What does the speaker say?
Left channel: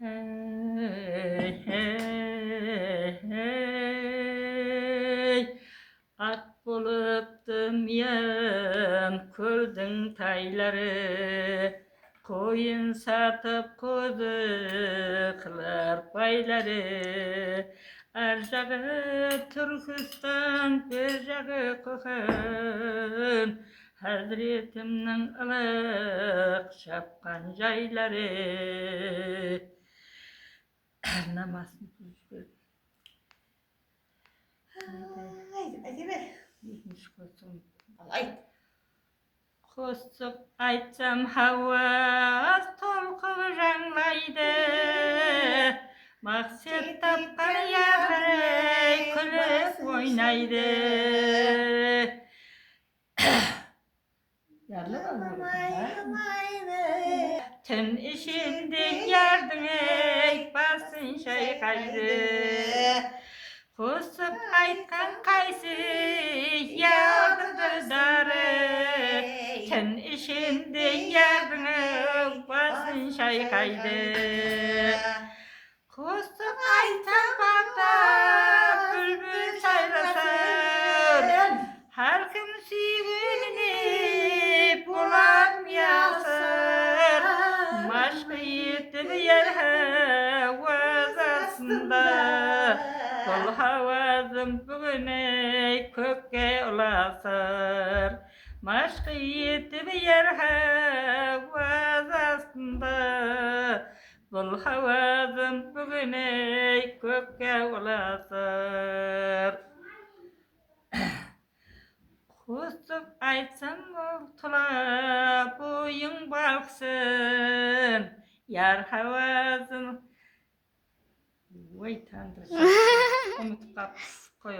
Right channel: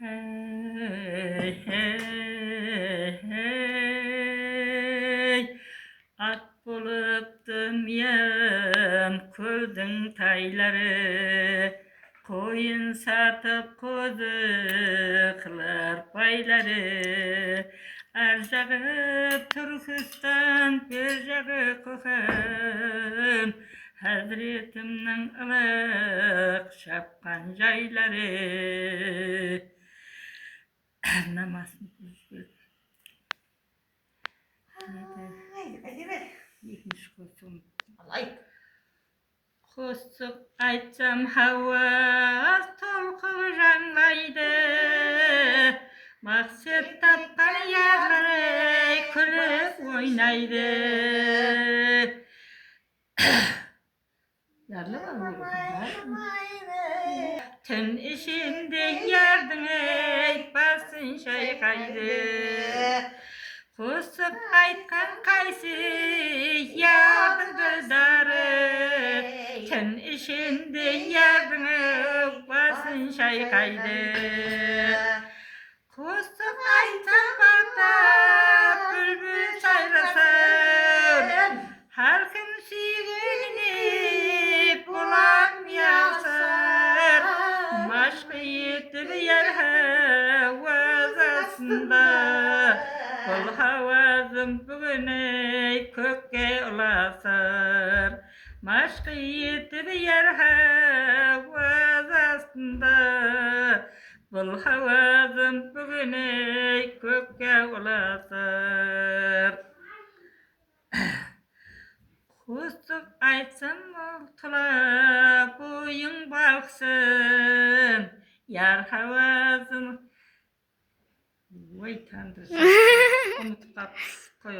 Hey, hey, hey. At bulup dümyem kürdün tayları, koyun satıp kuzu kılar bayları. Erzağı Türkistan, berzağı Köken, Hazretimnin ılık şapkan jayları. Namazını kılıştır. Haydi be. Yetmiş koysun. Alay. Kusuk aytsam havas tolkup ranglaydı. Maksat tapkan yaray külüp oynaydı. Yarlı mı bu? Ten işinde yardın ey basın şey kaydı. Kusuk aytkan kaysı yardım darı. Ten işinde yardın ey basın şey kaydı. Kusuk aytkan bata bülbül sayrasın. Her kim sevgilini bulamyasın. Maşkı yetip yer havaz aslında. Kol havazım bugüne kökke ulasır. Maşkı yetip yer havaz aslında. Kol havazım bugüne kökke ulasır. Kusuk aytsam oltula boyun balksın. Yar havazın. Vay tanrı. Unutup kapıs.